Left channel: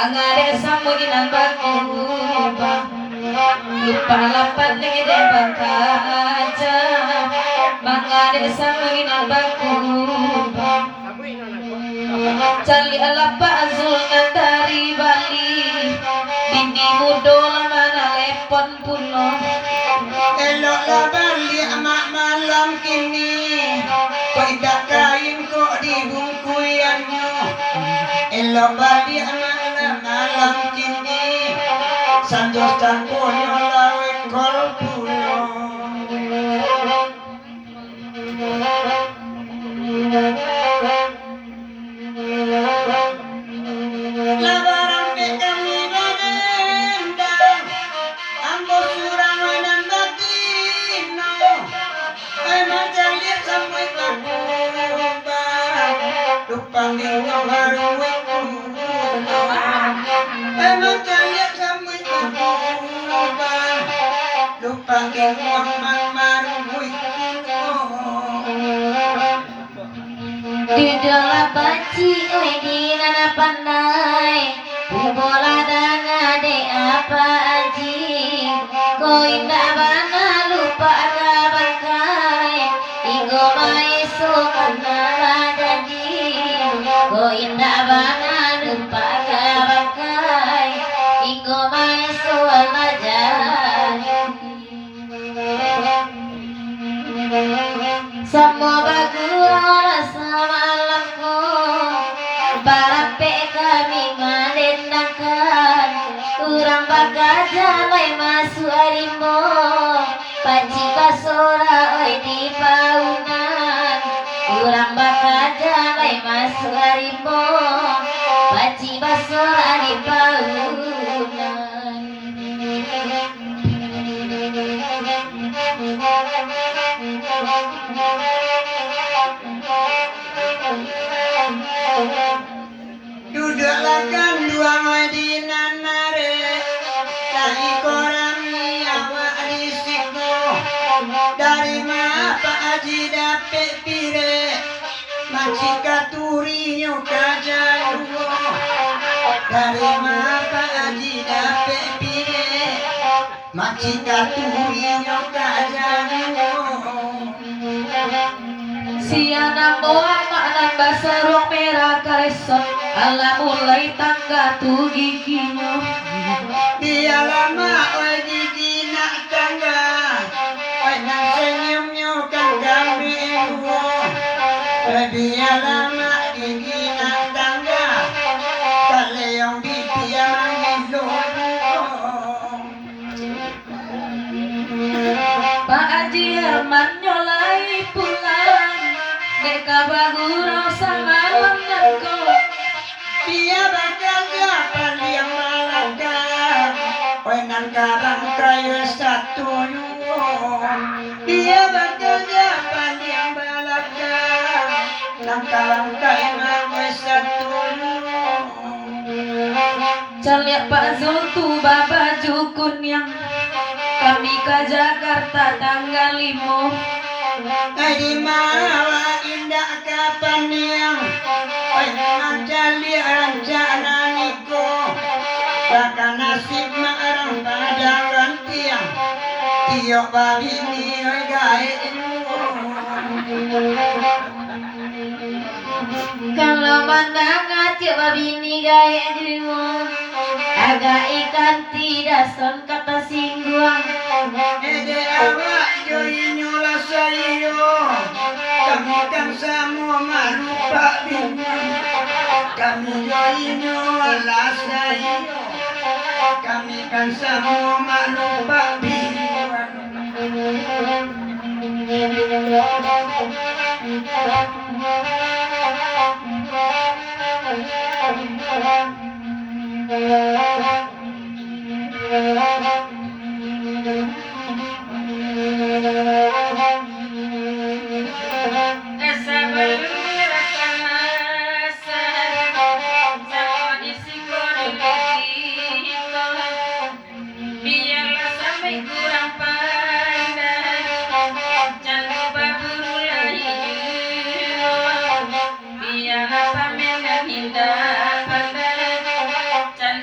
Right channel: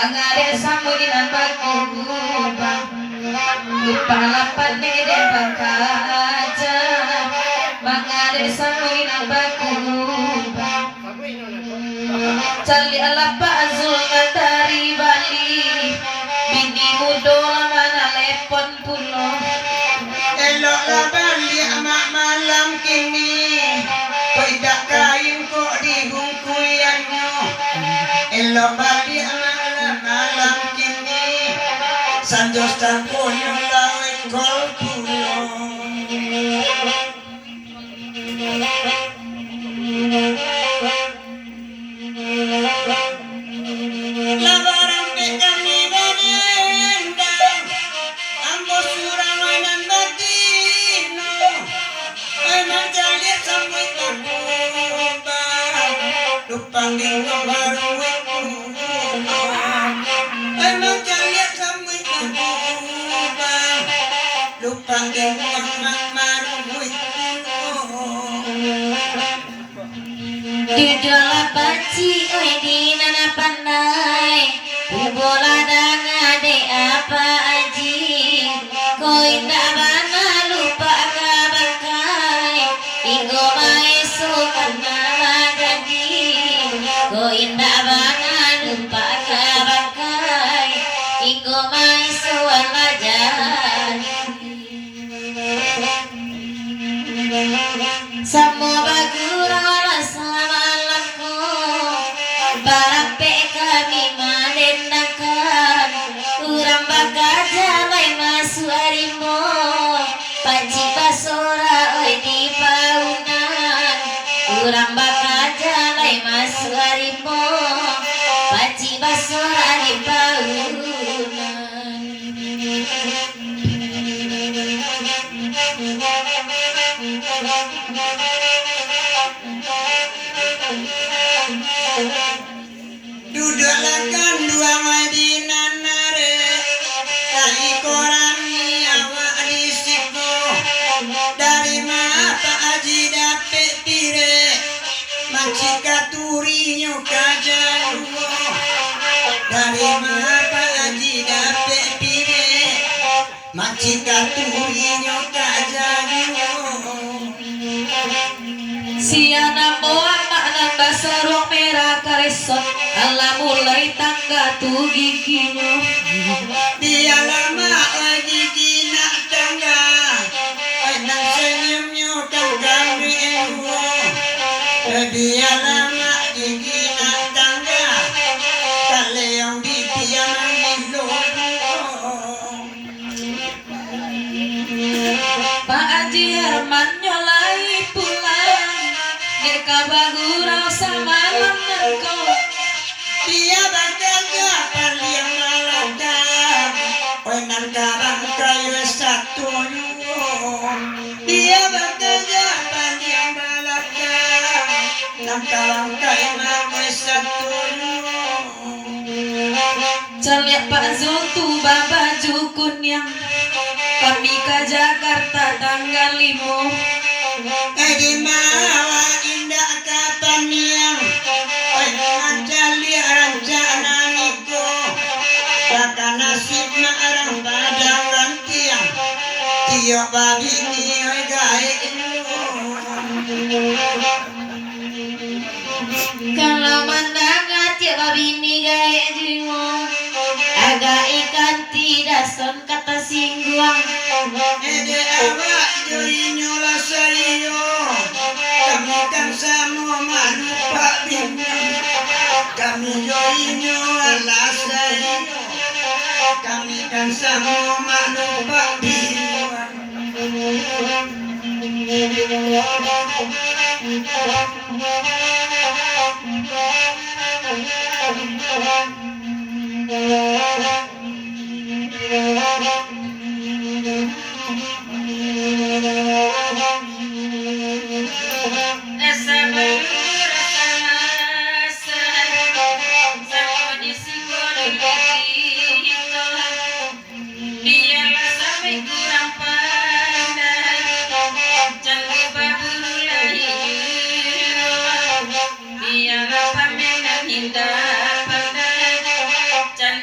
Mangade samuginan bakuba lupa lapan nede bakaja Mangade samuginan bakuba cali alapa azul dari Bali bini mudola mana lepon puno elok la Bali amak malam kini tidak kain kok dibungkuyannya elok Bali amak malam kini sanjos dan koyo lawe kol kulo labaran kami berendang ambo surang nan batino emang jali sampai takuba lupang dinggo baru emang jali sampai takuba lupang dinggo maru di dalam baci oi di nana pandai bola danga de apa aji koi ndak bana lupa kabakai ingo mai so kana jadi koi ndak bana lupa kabakai ingo mai so ala jadi semua bagura sama alamku barape kami menendangkan urang bagaja lai masuk harimbo paci basora oi di paunan urang bagaja lai masuk harimbo paci basora di paunan duduklah kan dua Madinah nare kai koran awak risiko dari mana Pak Haji dapet pire macika turinyo kajaluo dari mana Pak Haji dapet pire macika turinyo kajaluo siana boang makna basorong merah karesot ala mulai tangga tu giginya dia lama oi gigi nak tangga oi nak senyumnya kan kami enggo dia lama gigi nak tangga kale yang dipiang lo Pak Haji Herman nyolai pulang deka bagurau sama lenganku dia bakal dapat yang malaka oi nan karang kaya satu dia bakal dapat yang malaka nan karang kaya satu caliak Pak Zultu baba jukun yang kami ke Jakarta tanggal 5 di mawa indah kapan yang oi ngancali rencana niko bakal nasib marang padang rantiang tiok babi ni oi gae kalau mandanga tiap babi ni gaya jiwa agak ikan tidak son kata singguang ede awak joi nyola sayo kami kan semua malupa bingung kami joi nyola sayo kami kan semua malupa bingung Jangan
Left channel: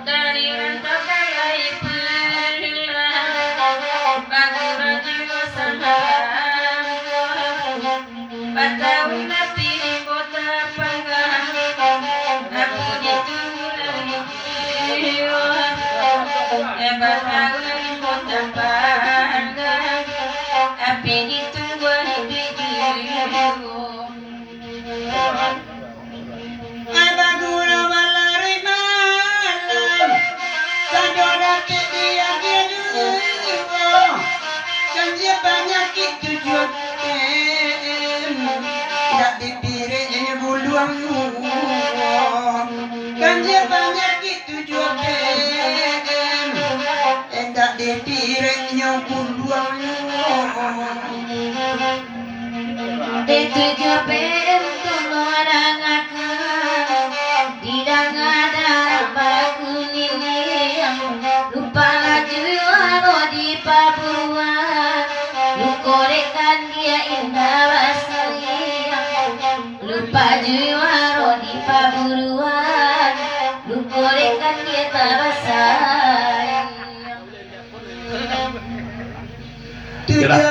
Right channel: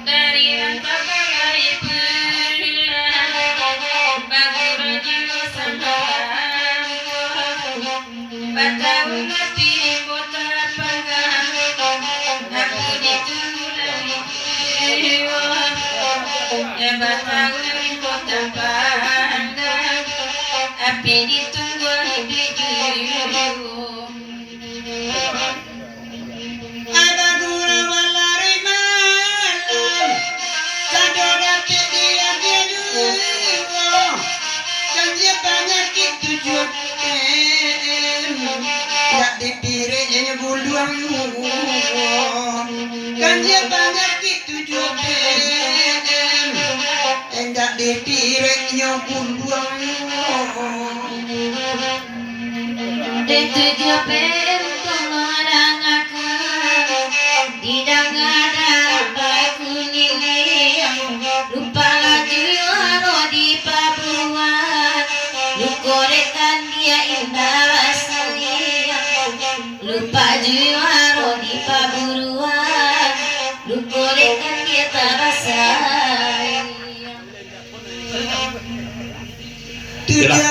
Dari rantau kalai pulang bagi rajin sanghalang batau napi kota panggang aku ditunggu dari jiwa ya batau dari kota panggang api ditunggu di jiwa. Abaguna malari malam sajoda dia juga dan dia penyakit tujuan tidak dipiriknya buluang dan dia penyakit tujuan tidak dipiriknya buluang Tujuh pertemuan akan tidak ada bakunin lupa laju aro di Pabuan lu korekan dia indah rasanya lupa juaro di Paburuan lu korekan dia terasa tujuan